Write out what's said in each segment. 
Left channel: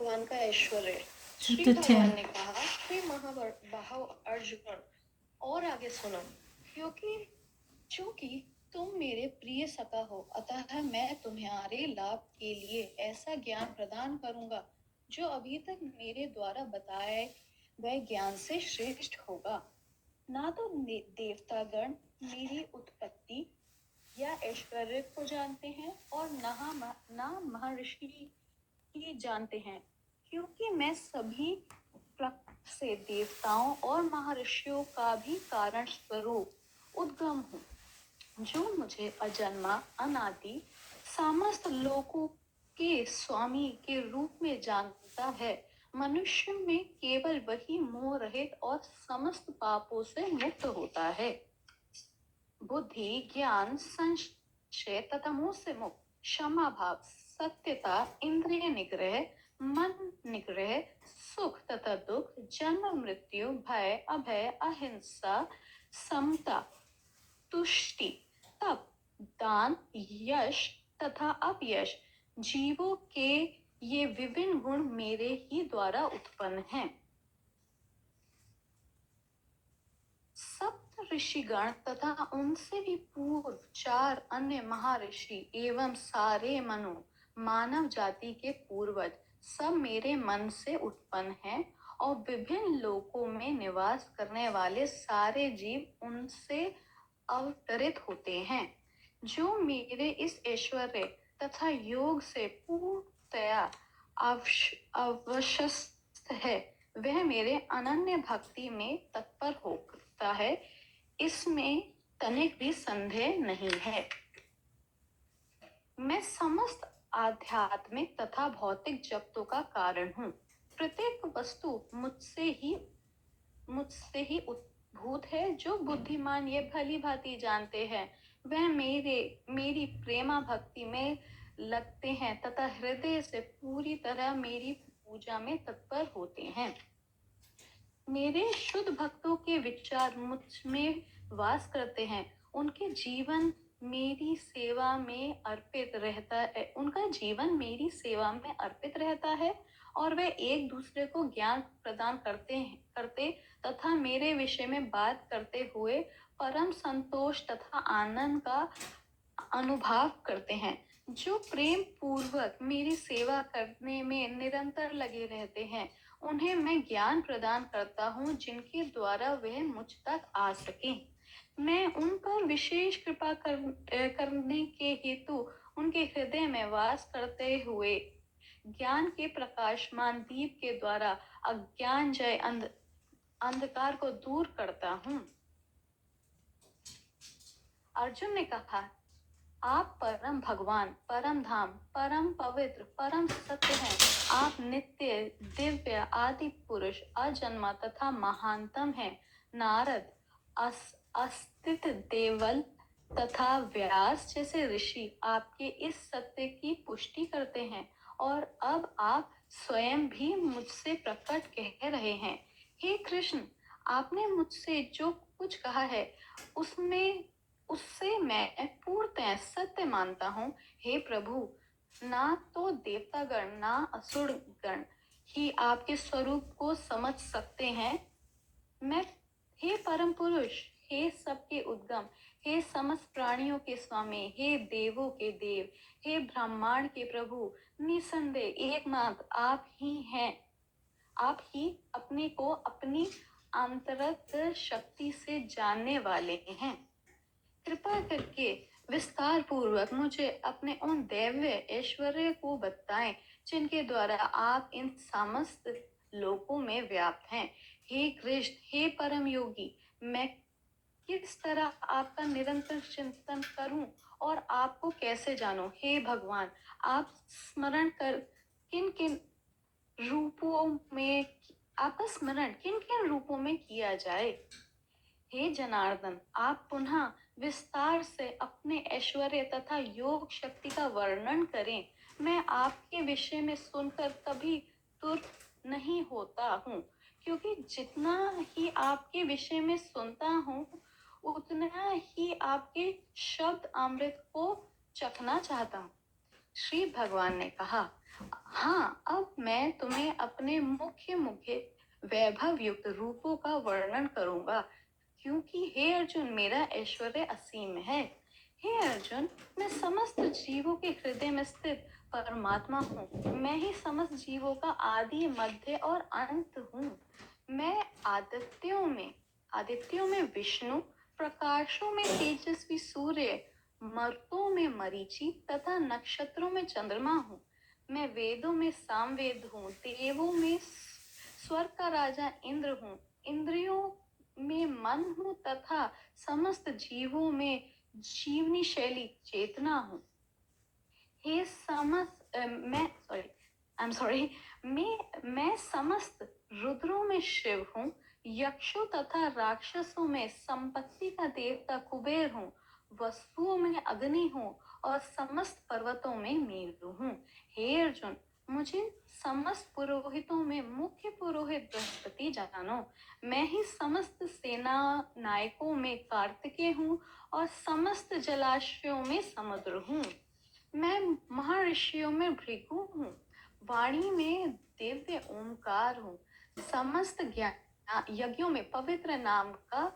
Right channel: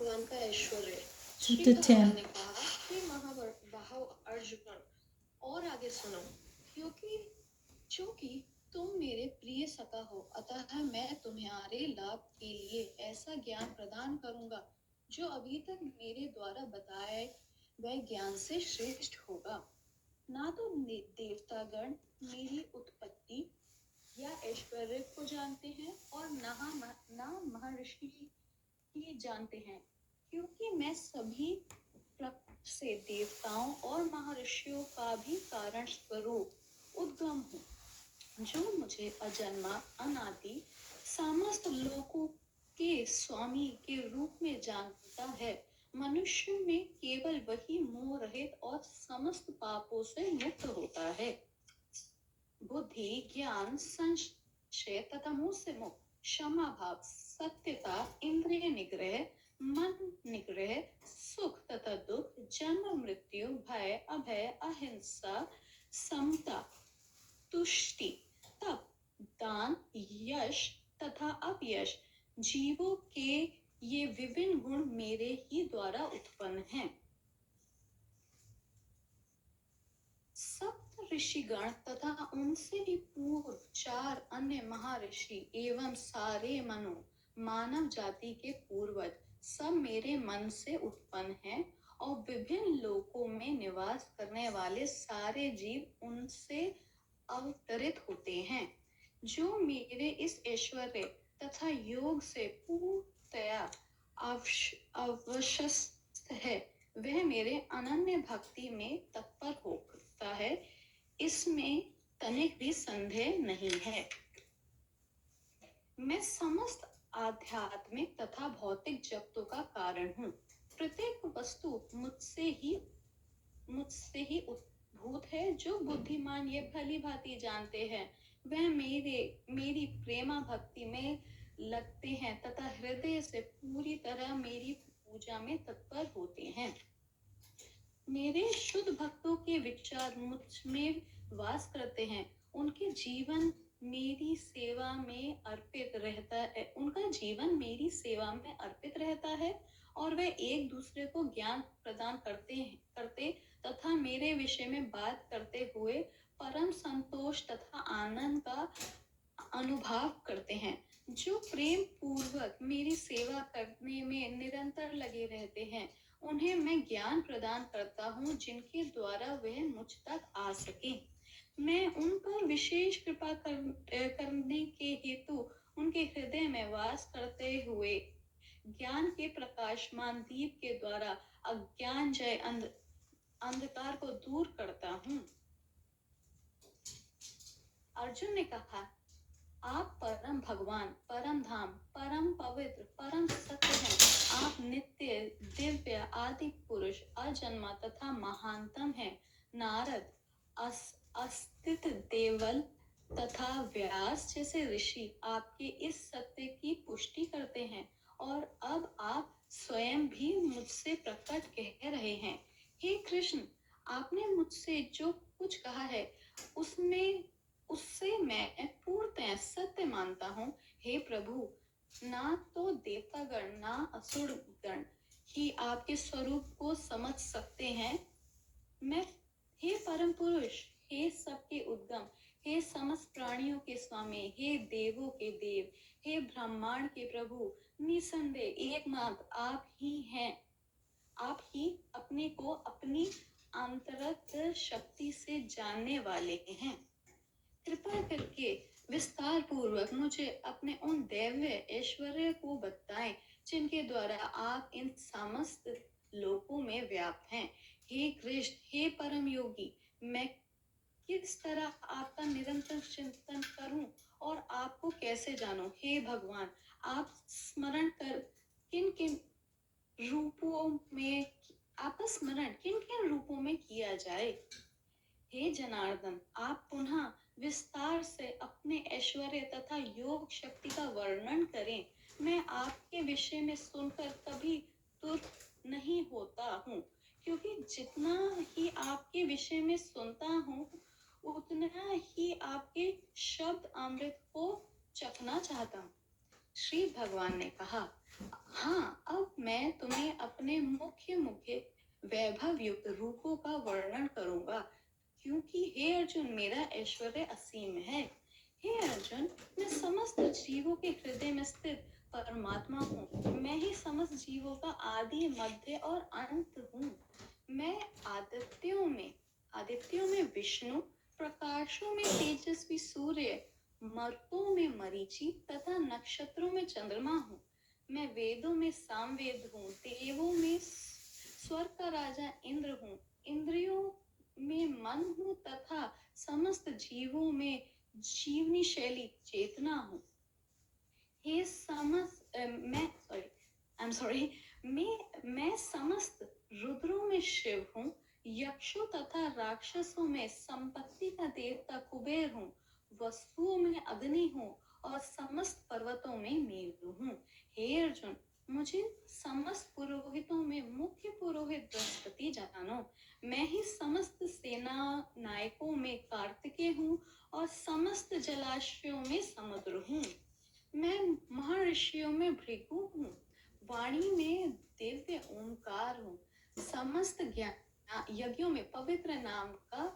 भगवान का ऐश्वर्य। श्री Chapter भगवान 10. ने कहा, हे महाबाहो अर्जुन, और आगे सुनो, क्योंकि तुम मेरे प्रिय सखा हो, अतः मैं तुम्हारे लाभ के लिए ऐसा ज्ञान प्रदान करूंगा जो अभी तक मेरे द्वारा बताए गए ज्ञान से श्रेष्ठ होगा। ना तो देवतागण मेरी उत्पत्ति या ऐश्वर्य को जानते हैं और ना महर्षि ही जानते हैं, क्योंकि मैं सभी प्रकृति से देवताओं और महर्षियों का भी कारण स्वरूप उद्गम हूँ, जो मुझे अजन्मा अनादि समस्त लोकों के स्वामी के रूप में जानता है। मनुष्य में केवल वही मोह रहित और समस्त पापों से मुक्त होता है। बुद्धि, ज्ञान, संशय तथा मोह से मुक्त, क्षमा भाव, सत्यता, इंद्रिय निग्रह, मन निग्रह, सुख तथा दुख, जन्म मृत्यु, भय, अभय, अहिंसा, समता, तुष्टि, तप, दान, यश तथा अपयश, जीवों के ये विभिन्न गुण मेरे ही द्वारा उत्पन्न हैं। सप्त ऋषिगण तथा उनसे भी पूर्व 4 अन्य महर्षि एवं सारे मनु मानव जाति के पूर्वज सब मेरे मन से उत्पन्न हैं, और विभिन्न लोकों में निवास करने वाले सारे जीव उनसे अवतरित होते हैं। जो मेरे इस ऐश्वर्य तथा योग से पूर्णतया अवशस्त है, वह मेरे अनन्य भक्ति में तत्पर होता है, इसमें तनिक भी संदेह नहीं है। मैं समस्त आध्यात्मिक तथा भौतिक जगतों का कारण हूँ। प्रत्येक वस्तु मुझसे ही उद्भूत है। जो बुद्धिमान ये भली भांति जानते हैं, वह मेरी प्रेमा भक्ति में लगते हैं तथा हृदय से पूरी तरह मेरी पूजा में तत्पर होते हैं। मेरे शुद्ध भक्तों के विचार मुझ में वास करते हैं। उनके जीवन मेरी सेवा में अर्पित रहता है। उनका जीवन मेरी सेवा में अर्पित रहता है, और वे एक दूसरे को ज्ञान प्रदान करते तथा मेरे विषय में बात करते हुए परम संतोष तथा आनंद का अनुभव करते हैं। जो प्रेम पूर्वक मेरी सेवा करने में निरंतर लगे रहते हैं, उन्हें मैं ज्ञान प्रदान करता हूँ, जिनके द्वारा वह मुझ तक आ सके। मैं उन पर विशेष कृपा करने के हेतु उनके हृदय में वास करते हुए ज्ञान के प्रकाशमान दीप के द्वारा अज्ञान जय अंधकार को दूर करता हूँ। अर्जुन ने कहा, आप परम भगवान, परम धाम, परम पवित्र, परम सत्य हैं। आप नित्य, दिव्य, आदि पुरुष, अजन्मा तथा महानतम हैं। नारद, अस्तित देवल तथा व्यास जैसे ऋषि आपके इस सत्य की पुष्टि करते हैं, और अब आप स्वयं भी मुझसे प्रकट कह रहे हैं। हे कृष्ण, आपने मुझसे जो कुछ कहा है उससे मैं पूर्णतः सत्य मानता हूँ। हे प्रभु, ना तो देवतागण ना असुर गण ही आपके स्वरूप को समझ सकते हैं। मैं, हे परम पुरुष, हे सबके उद्गम, हे समस्त प्राणियों के स्वामी, हे देवों के देव, हे ब्रह्मांड के प्रभु, निसंदेह एकमात्र आप ही हैं। आप ही अपने को अपनी अंतरंग शक्ति से जानने वाले हैं। कृपा करके विस्तार पूर्वक मुझे अपने उन दैव्य ऐश्वर्य को बताएं, जिनके द्वारा आप इन समस्त लोकों में व्याप्त हैं। हे कृष्ण, हे परम योगी, मैं किस तरह आपका निरंतर चिंतन करूं और आपको कैसे जानूं? हे भगवान, आप स्मरण कर किन किन रूपों में आपका स्मरण किन किन रूपों में किया जाए? हे जनार्दन, आप पुनः विस्तार से अपने ऐश्वर्य तथा योग शक्ति का वर्णन करें। मैं आपके विषय में सुनकर कभी तुर नहीं होता हूँ, क्योंकि जितना ही आपके विषय में सुनता हूँ, उतना ही आपके शब्द अमृत को चखना चाहता हूँ। श्री भगवान ने कहा, हाँ, अब मैं तुम्हें अपने मुख्य मुख्य वैभव युक्त रूपों का वर्णन करूंगा, क्योंकि हे अर्जुन मेरा ऐश्वर्य असीम है। हे अर्जुन, मैं समस्त जीवों के हृदय में स्थित परमात्मा हूँ। मैं ही समस्त जीवों का आदि मध्य और अंत हूँ। मैं आदित्यों में विष्णु, प्रकाशों में तेजस्वी सूर्य, मर्तों में मरीचि तथा नक्षत्रों में चंद्रमा हूँ। मैं वेदों में सामवेद हूँ, देवों में स्वर्ग का राजा इंद्र हूँ, इंद्रियों में मन हूँ तथा समस्त जीवों में जीवनी शैली चेतना हूँ। हे समस्त मैं समस्त रुद्रों में शिव हूँ, यक्षों तथा राक्षसों में संपत्ति का देवता कुबेर हूँ, वसुओं में अग्नि हूँ और समस्त पर्वतों में मेरु हूँ। हे अर्जुन, मुझे समस्त पुरोहितों में मुख्य पुरोहित बृहस्पति जानो। मैं ही समस्त सेना नायकों में कार्तिकेय हूँ और समस्त जलाशयों में समुद्र हूँ। मैं महर्षियों में भृगु हूँ, वाणी में दिव्य ओंकार हूँ, समस्त ज्ञान यज्ञों में पवित्र नाम का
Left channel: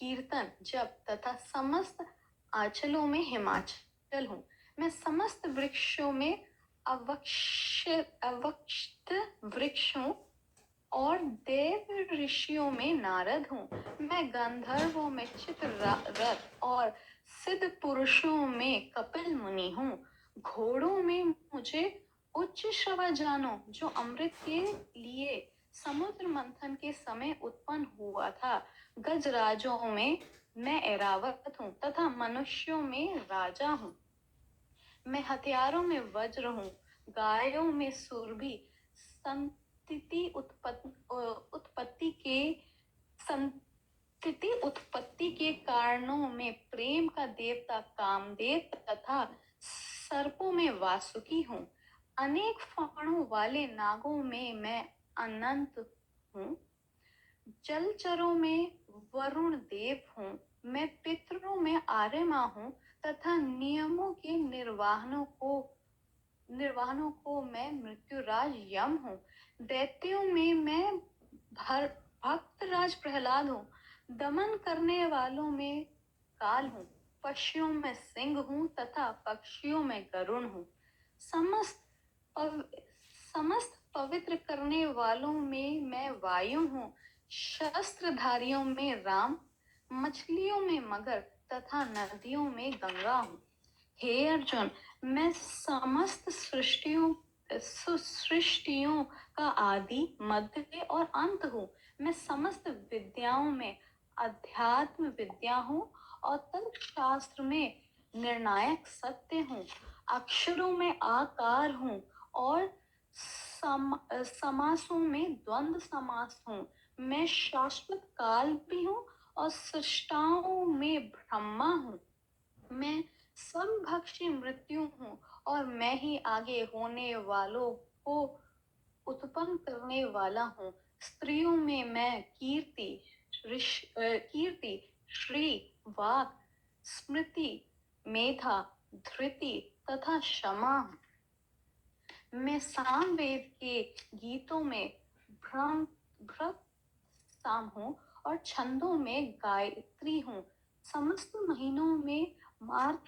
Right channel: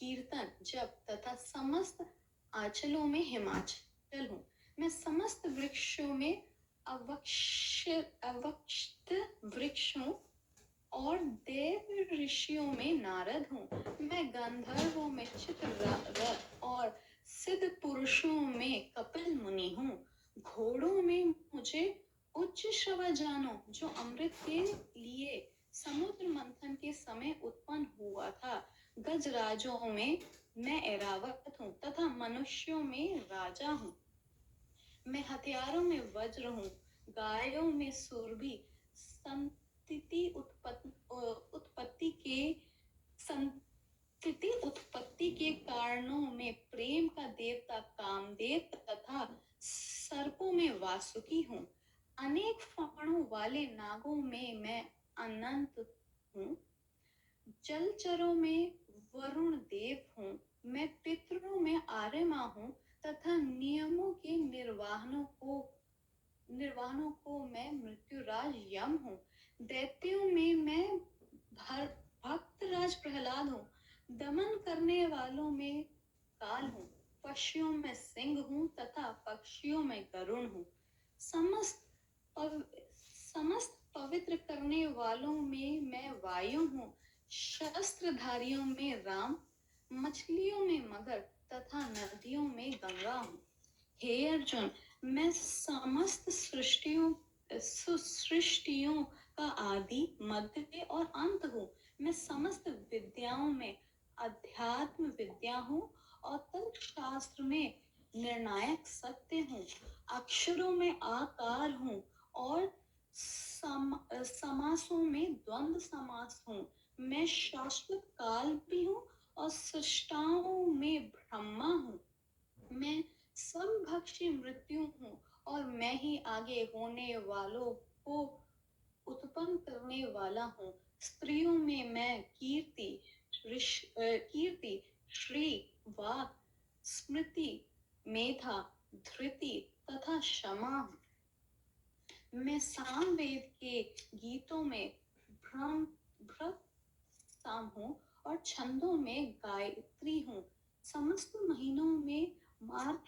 कीर्तन जप तथा समस्त आंचलों में हिमाचल हूँ। मैं समस्त वृक्षों में अवक्षित वृक्ष हूँ और देव ऋषियों में नारद हूँ। मैं गंधर्वों में चित्ररथ और सिद्ध पुरुषों में कपिल मुनि हूँ। घोड़ों में मुझे उच्च श्रवा जानो, जो अमृत के लिए समुद्र मंथन के समय उत्पन्न हुआ था। गजराजों में मैं ऐरावत हूँ तथा मनुष्यों में राजा हूँ। मैं हथियारों में वज्र हूँ, गायों में सुरभि, संतति उत्पत्ति के कारणों में प्रेम का देवता कामदेव तथा सर्पों में वासुकी हूँ। अनेक फणों वाले नागों में मैं अनंत हूँ। जलचरों में वरुण देव हूँ। मैं पितरों में आर्यमा हूँ तथा नियमों के निर्वाहनों को मैं मृत्युराज यम हूँ। दैत्यों में मैं भक्तराज प्रहलाद हूँ। दमन करने वालों में काल हूँ। पशुओं में सिंह हूँ तथा पक्षियों में गरुण हूँ। समस्त पवित्र करने वालों में मैं वायु हूँ। शस्त्रधारियों में राम, मछलियों में मगर तथा नदियों में गंगा हूँ। हे अर्जुन, मैं समस्त सृष्टियों का आदि मध्य और अंत हूँ। मैं समस्त विद्याओं में अध्यात्म विद्या हूँ और तर्कशास्त्र में निर्णायक सत्य हूँ। अक्षरों में आकार हूँ और समासों में द्वंद्व समास हूँ। मैं शाश्वत काल भी हूँ और सृष्टाओं में ब्रह्मा हूँ। मैं समभक्षी मृत्यु हूँ और मैं ही आगे होने वालों को उत्पन्न करने वाला हूँ। स्त्रियों में मैं कीर्ति, श्री, वाक, स्मृति, मेधा, धृति तथा क्षमा हूँ। मैं सामवेद के गीतों में भ्रत साम हूँ और छंदों में गायत्री हूँ। समस्त महीनों में मार्ग,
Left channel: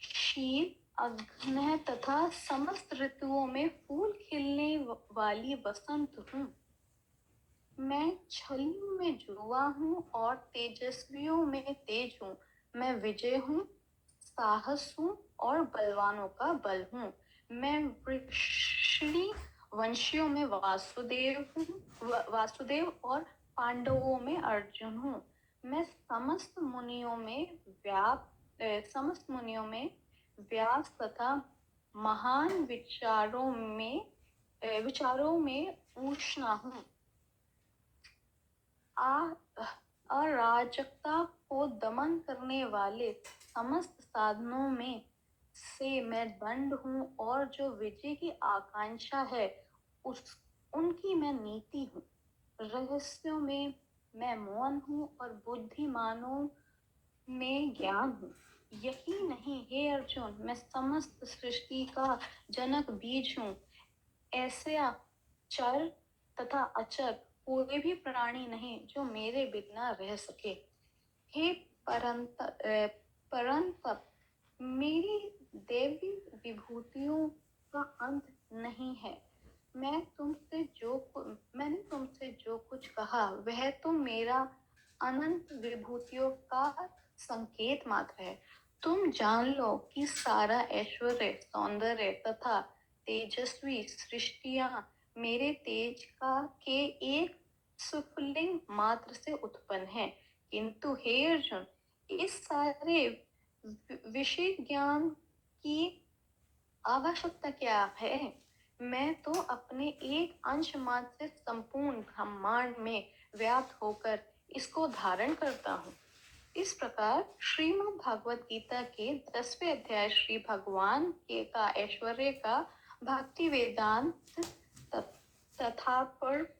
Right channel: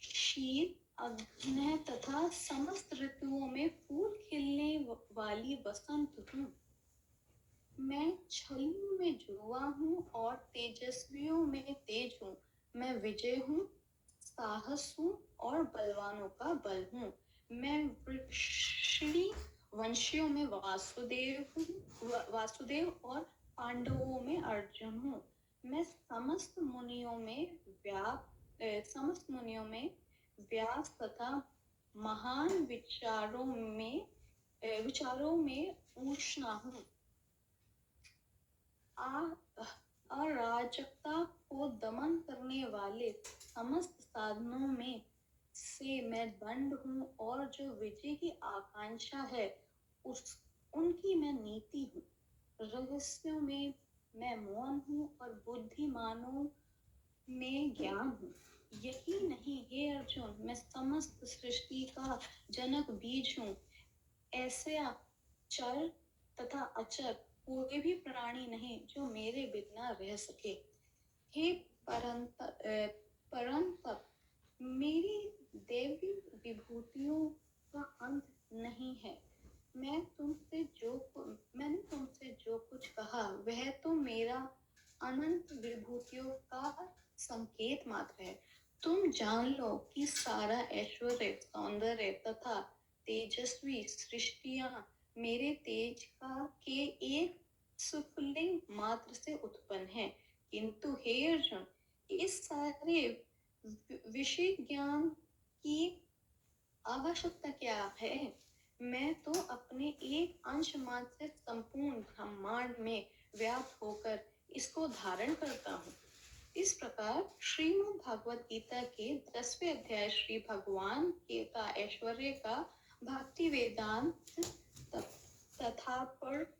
शीत, अग्नि तथा समस्त ऋतुओं में फूल खिलने वाली बसंत हूँ। मैं छलियों में जुआ हूँ और तेजस्वियों में तेज हूँ। मैं विजय हूँ, साहस हूँ और बलवानों का बल हूँ। मैं वृक्षिणी वंशियों में वासुदेव और पांडवों में अर्जुन हूँ। मैं समस्त मुनियों में व्यास तथा महान विचारों में उष्णा हूँ। अराजकता को दमन करने वाले समस्त साधनों में से मैं दंड हूँ और जो विजय की आकांक्षा है उनकी मैं नीति हूँ। रहस्यों में मैं मौन हूँ और बुद्धिमानों में ज्ञान हूँ। यही नहीं हे अर्जुन, मैं समस्त सृष्टि का जनक बीज हूँ। ऐसा चर तथा अचर कोई भी प्राणी नहीं जो मेरे बिना रह सके। हे परंतप मेरी देवी विभूतियों का अंत नहीं है। मैंने तुमसे जो कुछ कहा वह तो मेरा अनंत विभूतियों का संकेत मात्र है। तुम जान लो कि सारा ऐश्वर्य, सौंदर्य तथा तेजस्वी सृष्टियां मेरे तेज के एक सुफलिंग मात्र से उत्पन्न है। किंतु हे अर्जुन, इस सारे विषय ज्ञान की आवश्यकता क्या है? मैं तो अपने एक अंश मात्र से संपूर्ण ब्रह्मांड में व्याप्त होकर इसको धारण करता हूँ। इस प्रकार श्रीमद् भागवत गीता के 10वें अध्याय श्री भगवान के का ऐश्वर्य का भक्ति वेदांत तथा पर